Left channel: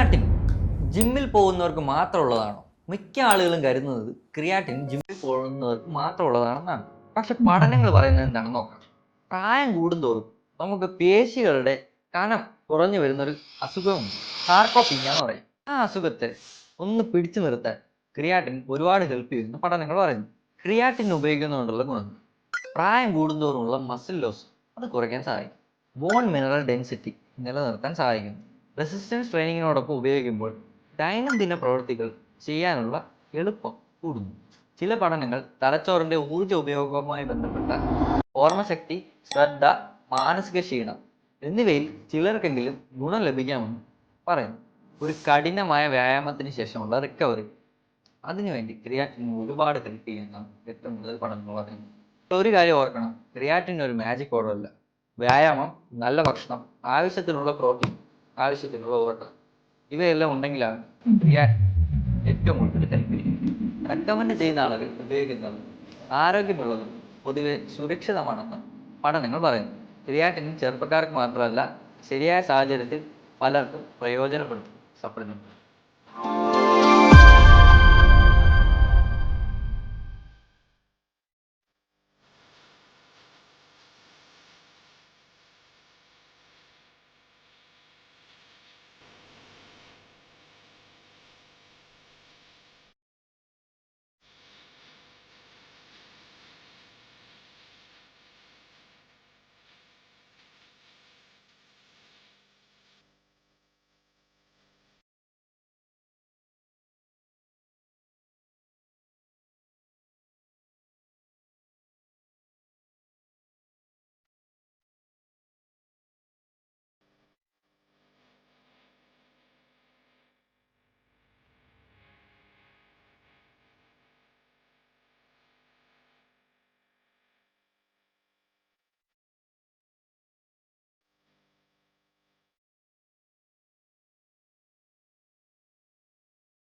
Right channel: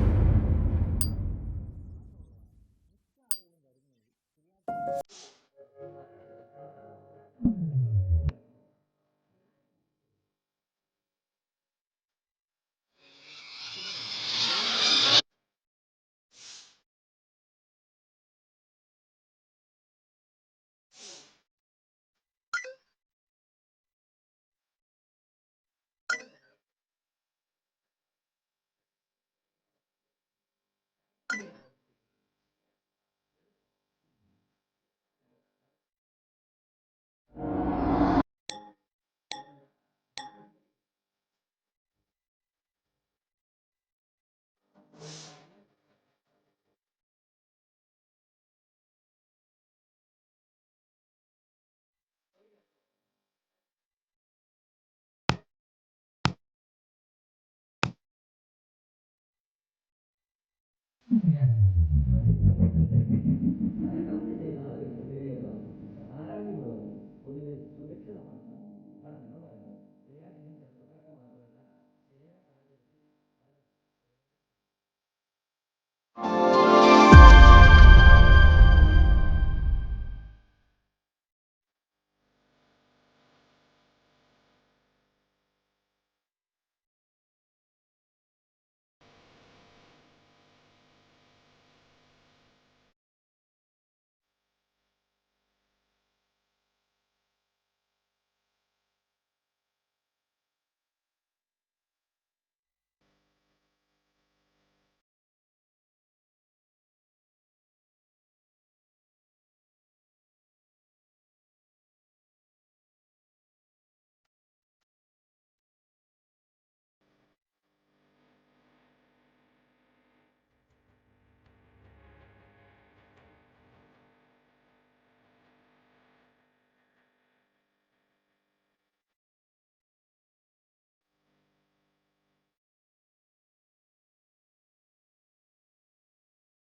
Creatine ജിമ്മിൽ പോകുന്നവർക്ക് മാത്രമുള്ളതാണോ? മിക്ക ആളുകളും കരുതുന്നത് ക്രിയാറ്റിൻ ജിമ്മിൽ പോകുന്നവർക്ക് മാത്രമുള്ളതാണെന്നാണ്. പക്ഷെ പഠനങ്ങൾ പറയുന്നത് എന്താണെന്ന് നോക്കാം. പ്രായം കൂടുന്തോറും നമുക്ക് പേശികളുടെ കനം കുറഞ്ഞു വരുന്നൊരു അസുഖമുണ്ട്. സാർക്കോപ്പീനിയ എന്ന് പറയും. ആ അസുഖത്തെ ഒന്ന് പിടിച്ചു നിർത്താൻ ക്രിയാറ്റിൻ ഒരുപാട് ഹെൽപ്പ് ചെയ്യുന്ന പഠനങ്ങൾ പറയുന്നു. ക്രിയാറ്റിൻ ഉപയോഗിക്കുന്നതുകൊണ്ടുള്ള ഗുണം: പ്രായം കൂടുന്തോറുമുള്ള മസിൽ ലോസ് അത് കുറയ്ക്കാൻ സഹായിക്കും. ബോൺ മിനറൽ ഡെൻസിറ്റി നിലനിർത്താൻ സഹായിക്കുന്നു. റെസിസ്റ്റൻസ് ട്രെയിനിങ്ങിനോടൊപ്പം ഉപയോഗിക്കുമ്പോൾ ദൈനംദിന പ്രവൃത്തികൾ ചെയ്യാനുള്ള എളുപ്പം കൂടുന്നു. ചില പഠനങ്ങൾ തലച്ചോറിന്റെ ഊർജ്ജ ഉപയോഗവുമായി ബന്ധപ്പെട്ട ഓർമ്മശക്തി, ശ്രദ്ധ, മാനസിക ക്ഷീണം എന്നിവയിൽ ചിലർക്കെങ്കിലും ഗുണം ലഭിക്കാമെന്ന് പറയുന്നു. ഒരു കഠിനമായ വ്യായാമത്തിന് ശേഷമുള്ള റിക്കവറി അതിനുവേണ്ടി ക്രിയാറ്റിൻ ഒരുപാട് ഹെൽപ്പ് ചെയ്യുന്നതാണ് ഏറ്റവും കൂടുതൽ പഠനങ്ങൾ പറയുന്നത്. ഒരു കാര്യം ഓർക്കണം, ക്രിയാറ്റിൻ ഒരു മാജിക് പൗഡർ അല്ല. വ്യായാമം, നല്ല ഭക്ഷണം, ആവശ്യത്തിനുള്ള പ്രോട്ടീൻ, ആവശ്യത്തിനുള്ള ഓട്ടം ഇവയെല്ലാം ഉണ്ടെങ്കിലാണ് ക്രിയാറ്റിൻ ഏറ്റവും കൂടുതൽ ഹെൽപ്പ് ചെയ്യുന്നത്. റെക്കമെൻഡ് ചെയ്യുന്ന ആളുകൾ ഉപയോഗിക്കുന്നത് ആരോഗ്യമുള്ളതും പൊതുവെ സുരക്ഷിതമാണെന്ന് പഠനങ്ങൾ പറയുന്നു. ക്രിയാറ്റിൻ ചെറുപ്പക്കാർക്ക് മാത്രമല്ല, ശരിയായ സാഹചര്യത്തിൽ പലർക്കും പ്രയോജനപ്പെടുത്തും സപ്ലിമെന്റ്.